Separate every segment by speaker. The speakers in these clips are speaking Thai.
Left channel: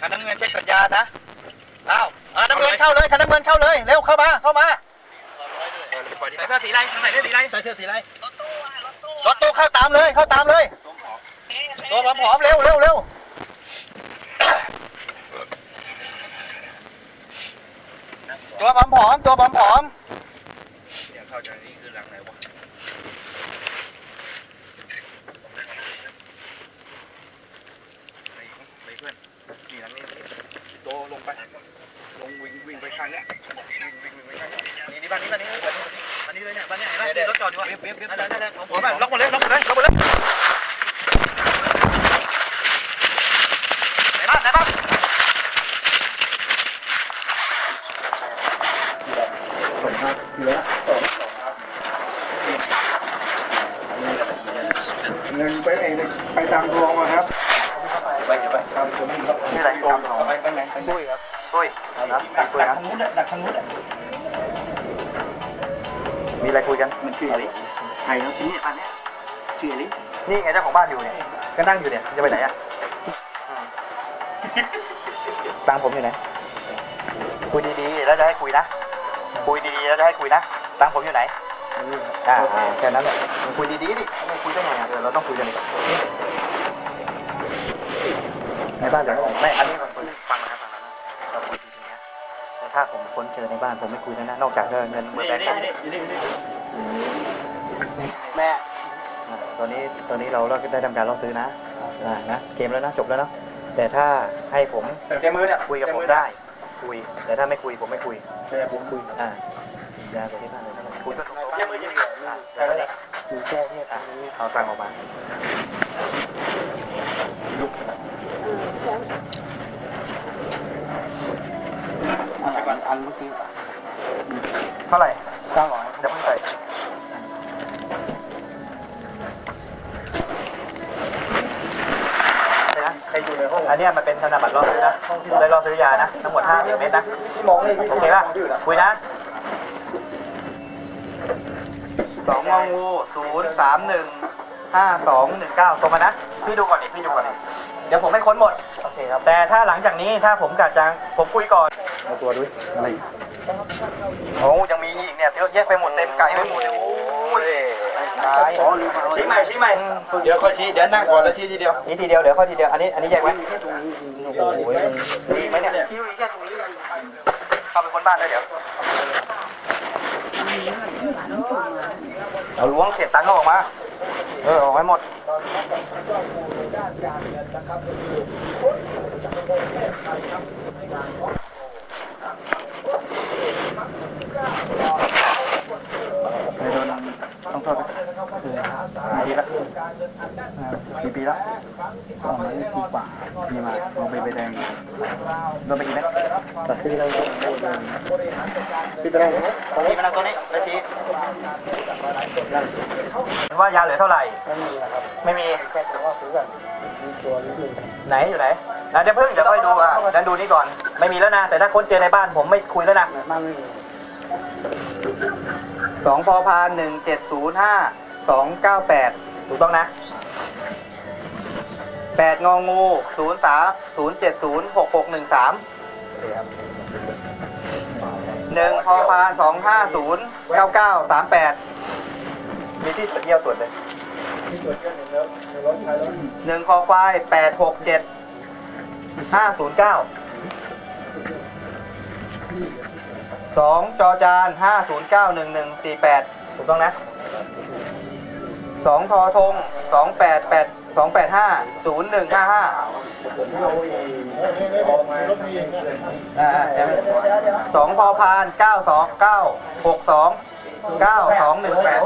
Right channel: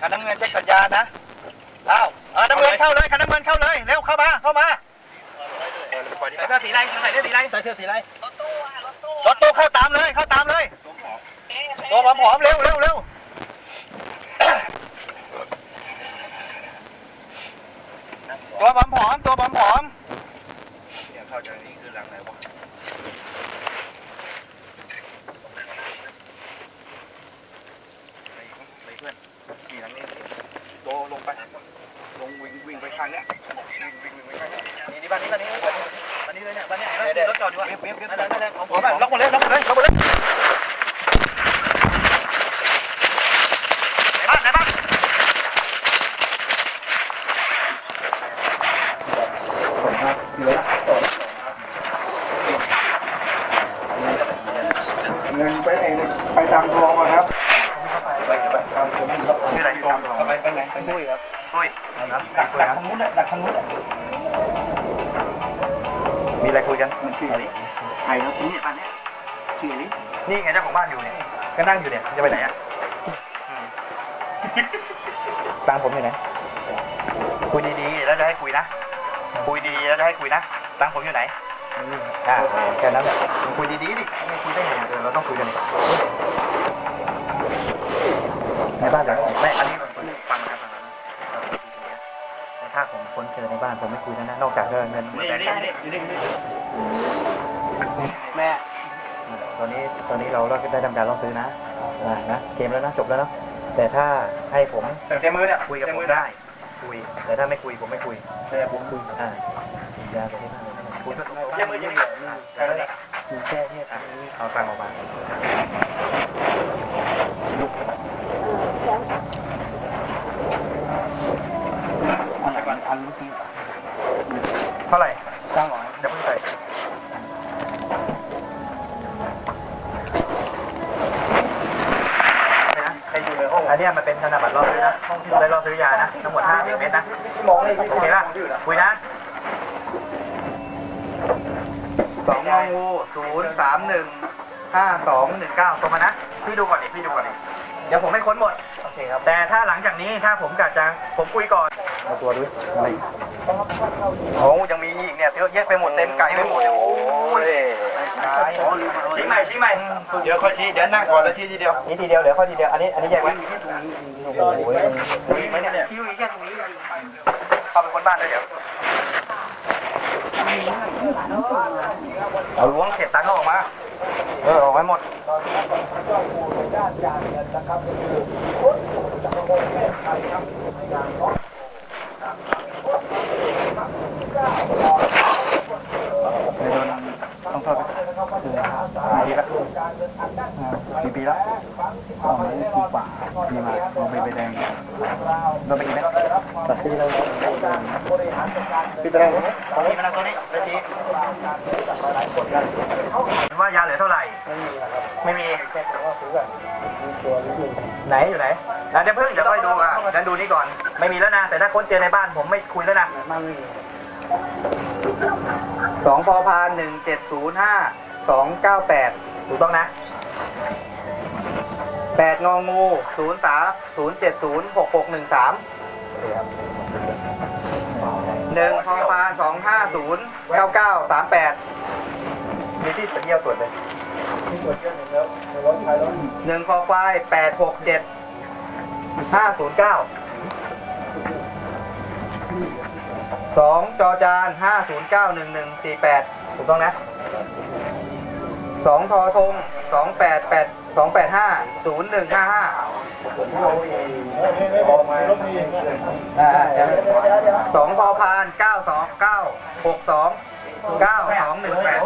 Speaker 1: ขันน้ำเงินใช้สัญญานะเอ้าอ่าน้ำเงินเข้าเลยขันน้ำเงินเข้าเลย เร็วเข้ามา เข้ามาใส่เสื้อสีไรใส่เสื้อสีไรใส่เสื้อสีไรรถตู้เข้าตามเลย เข้าตามเลยตัวหอมเร็วเร็วเร็วตัวหอมตัวหอม ๆรถจอดอยู่ล็อกหมดเลยล็อกหมดเลยล็อกหมดเลยอะไหนบ้าง
Speaker 2: เงินไปไหนไปตามทองมาครับ
Speaker 1: ชื่ออะไรโกง
Speaker 2: ไปไปไหน
Speaker 1: ปุ้ยครับปุ้ยนะคุย
Speaker 2: ดัก
Speaker 1: นะ
Speaker 2: ทางนู้นแหละดักทางนู้น
Speaker 1: มีอะไรคุยกัน
Speaker 2: มันชื่ออะไรใครครับนี่อันนี้ชื่ออะไร
Speaker 1: นี่ไงเจ้าของบ้านอยู่เนี่ยก็นั่งอยู่เนี่ยจะไปไหนอะอืมตังค์ผมอยู่ไหนคุยดีๆแล้วจะให้คุยนะคุยดีๆแล้วจะให้คุยนะตังค์ผมอยู่ไหนอ่าแค่นั้นแหละคุยดีๆดิไม่คุยได้ไงเดี๋ยวเราต้องคุยกันดิในบ้านผมไม่อันนี้ฟังนะครับฟังนะครับแต่ ถ้าผมค้นเจอในบ้านผมไม่คุยนะนะนอกจากเงินเงินหมด
Speaker 2: นี่
Speaker 1: แล้ว
Speaker 2: นี่นี่นี่นี่
Speaker 1: แม่ตอนนี้ตอนนี้เราได้ทำการล่อซื้อนะอ่านะเกมแล้วนะจบแล้วเนาะแต่ถ้าให้ผม
Speaker 2: เต็มมือเนี่ย
Speaker 1: คุยกับผมได้คุย แต่ถ้าไม่คุยผมไม่คุย
Speaker 2: แต่ผมคุย
Speaker 1: อ่าอย่าไปที่นั่นเลยคุยก็
Speaker 2: เต็มมือจริง
Speaker 1: ใช่แล้ว
Speaker 2: มีแค่เนี่ย
Speaker 1: อะเอาตังค์ออกมา
Speaker 2: อันอันอันเมื่อกี้
Speaker 1: เท่าไหร่
Speaker 2: เก้าร้อย
Speaker 1: เดี๋ยวพ่งใส่ไปนะใครอยู่ในห้องอันนี้มันเป็นธนบัตรล่อซื้อนะห้องที่ได้ล่อซื้อยานะ ทั้งหมด5เมตรนะ
Speaker 2: มอง
Speaker 1: โอเคป่ะคุยนะสองงองูศูนย์สามหนึ่งห้าสองหนึ่งเก้าตรงมานะ พี่ดูก่อนดิพี่ดูก่อนดิเดี๋ยวผมให้ค้นหมด โอเคครับ แต่ถ้าหลังจากนี้ถ้าผมกะจัง ผมคุยก่อนเอาตัวด้วยอะไร โอ้ยังมีอีกเนี่ยเยอะแยะไปหมดเต็มไก่ไปหมดเลยโอ้ยตาย
Speaker 2: ชี้ใหม่ชี้ใหม่เดี๋ยวค่อยชี้เดี๋ยวนั่งก่อนแล้วชี้ทีเดียว
Speaker 1: นี่ทีเดียวเดี๋ยวข้อทีเดียวอันนี้อันนี้แยกไว้โอ้โหมีไหมเนี่ยเข้าไปคนบ้านเลยเดี๋ยวเอาล้วงเศษตังค์เขาออกมาเออออกไว้หมดโดนต้องโทษนะกี่ปี ละกี่ปีละปีมาลองไปไปแดงโดนไปกี่เม็ดตัดที่เราปีไปแดงตรงนี้มานั่งตรงนี้ไปทีว่ายาเหลือเท่าไหร่ ไม่มีไหนอยู่ไหนอะเดี๋ยวเพิ่งเดี๋ยวค่อยดูอะงั้นดูนี่ก่อน ไม่มีแล้วนะ แต่ถ้าค้นเจอในบ้านผมไม่คุยแล้วนะสองพอพานหนึ่งเจ็ดศูนย์ห้า สองเก้าแปดถูกต้องนะแปดงองูศูนย์สามศูนย์เจ็ดศูนย์หกหกหนึ่งสามหนึ่งพอพานสองห้าศูนย์เก้าเก้าสามแปดมีที่สัญญาตรวจเลยหนึ่งคอควายแปดหกเจ็ดห้าศูนย์เก้าสองจอจานห้าศูนย์เก้าหนึ่งหนึ่งสี่แปดถูกต้องนะ สองทอทงสองแปดแปดสองแปดห้าศูนย์หนึ่งห้าห้าสองพอพานเก้าสองเก้าหกสองเก้าสองหนึ่งแปด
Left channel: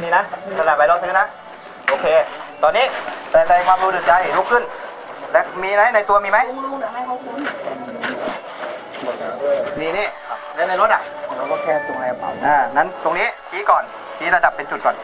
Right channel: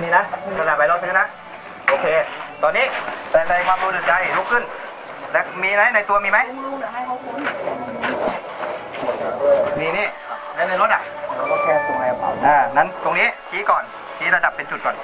Speaker 1: นี่นะกระดาษใบรถซื้อนะ โอเค ตอนนี้แต่ในความรู้สึกใจลุกขึ้น และมีไหมในตัวมีไหมนี่นี่แล้วในรถอะ
Speaker 2: เราก็แค่ตรงแอร์เป่า
Speaker 1: อ่านั้นตรงนี้ชี้ก่อนชี้ระดับเป็นจุดก่อน